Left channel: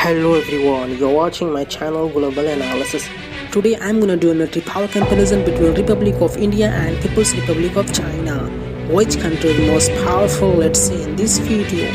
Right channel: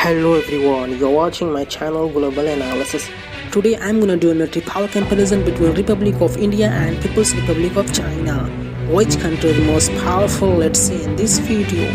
Hello everyone, you're watching my channel Global Analysis. Today I'm gonna do a military power comparison between Republic of India and People's Republic of China. Which country is most powerful? Let's see in this video.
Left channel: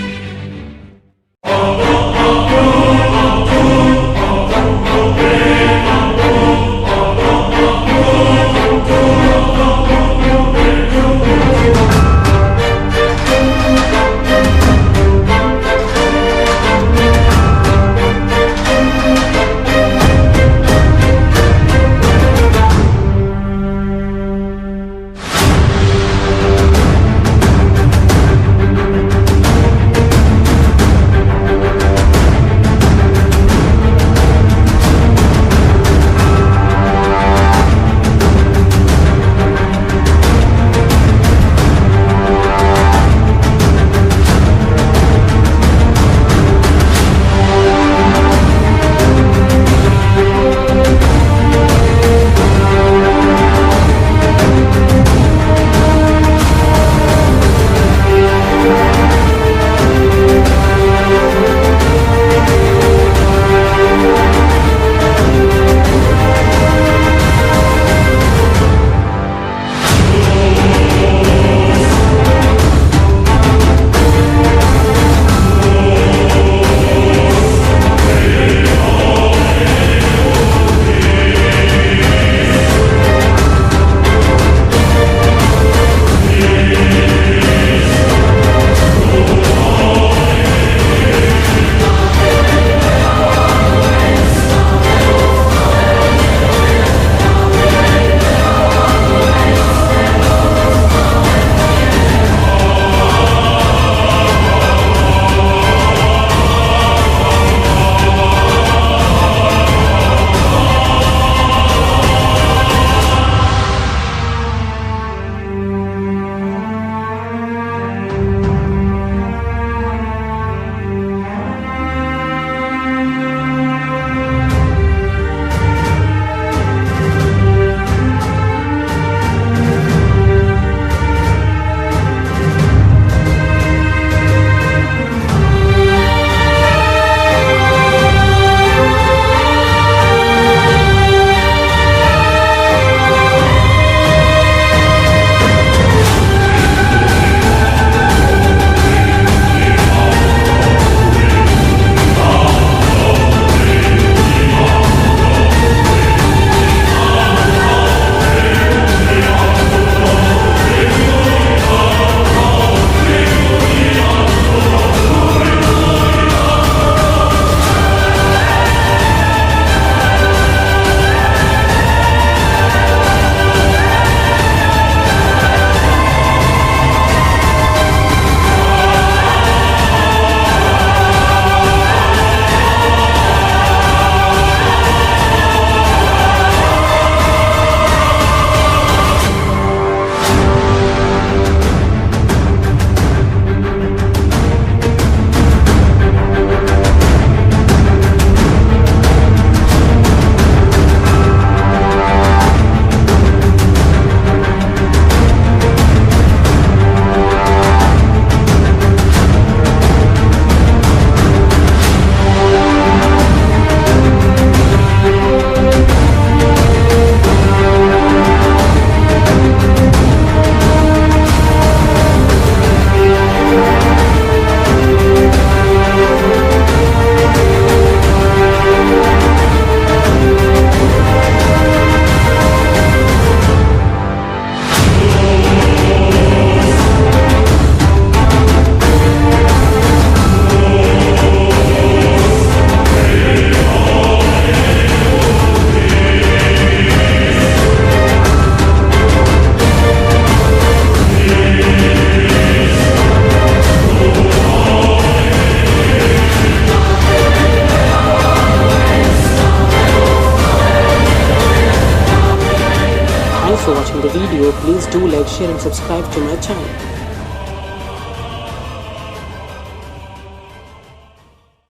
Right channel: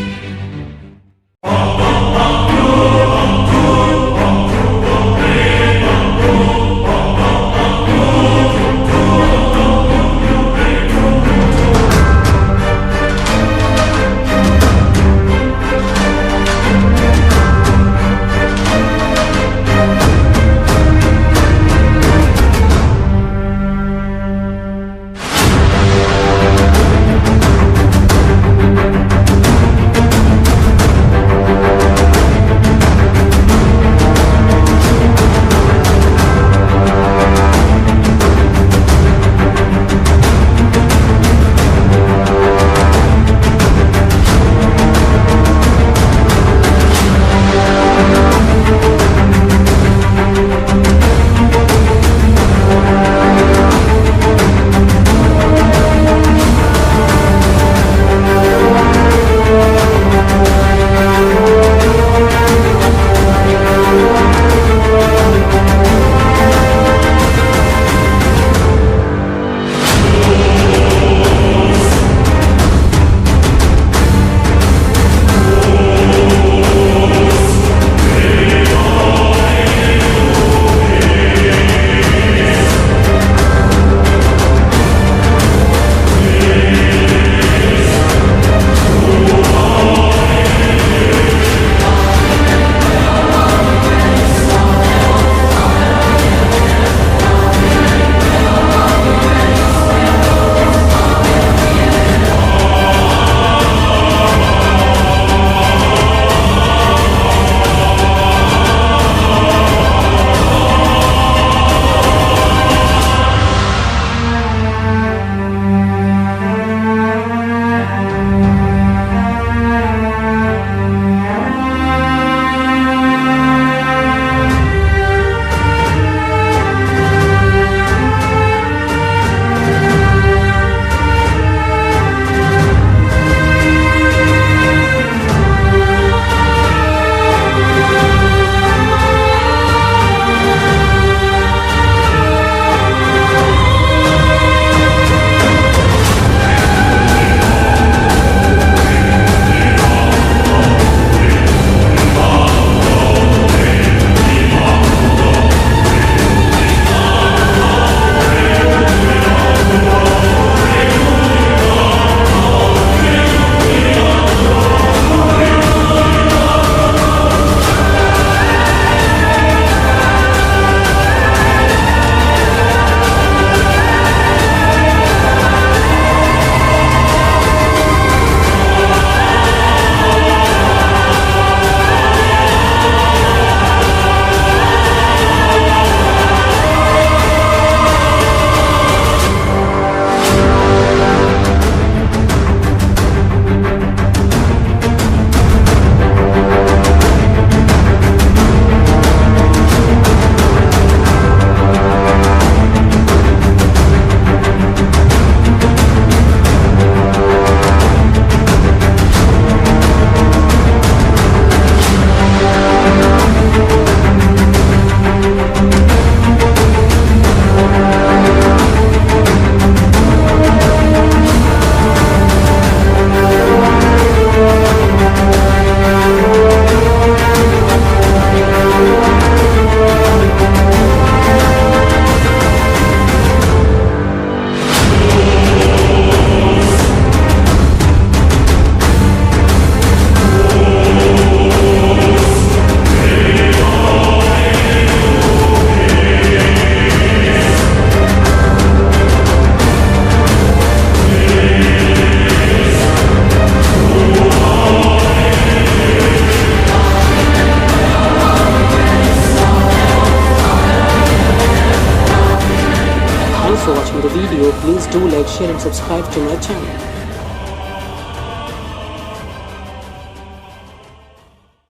Thanks for watching the video. Please do like, share and subscribe to my channel.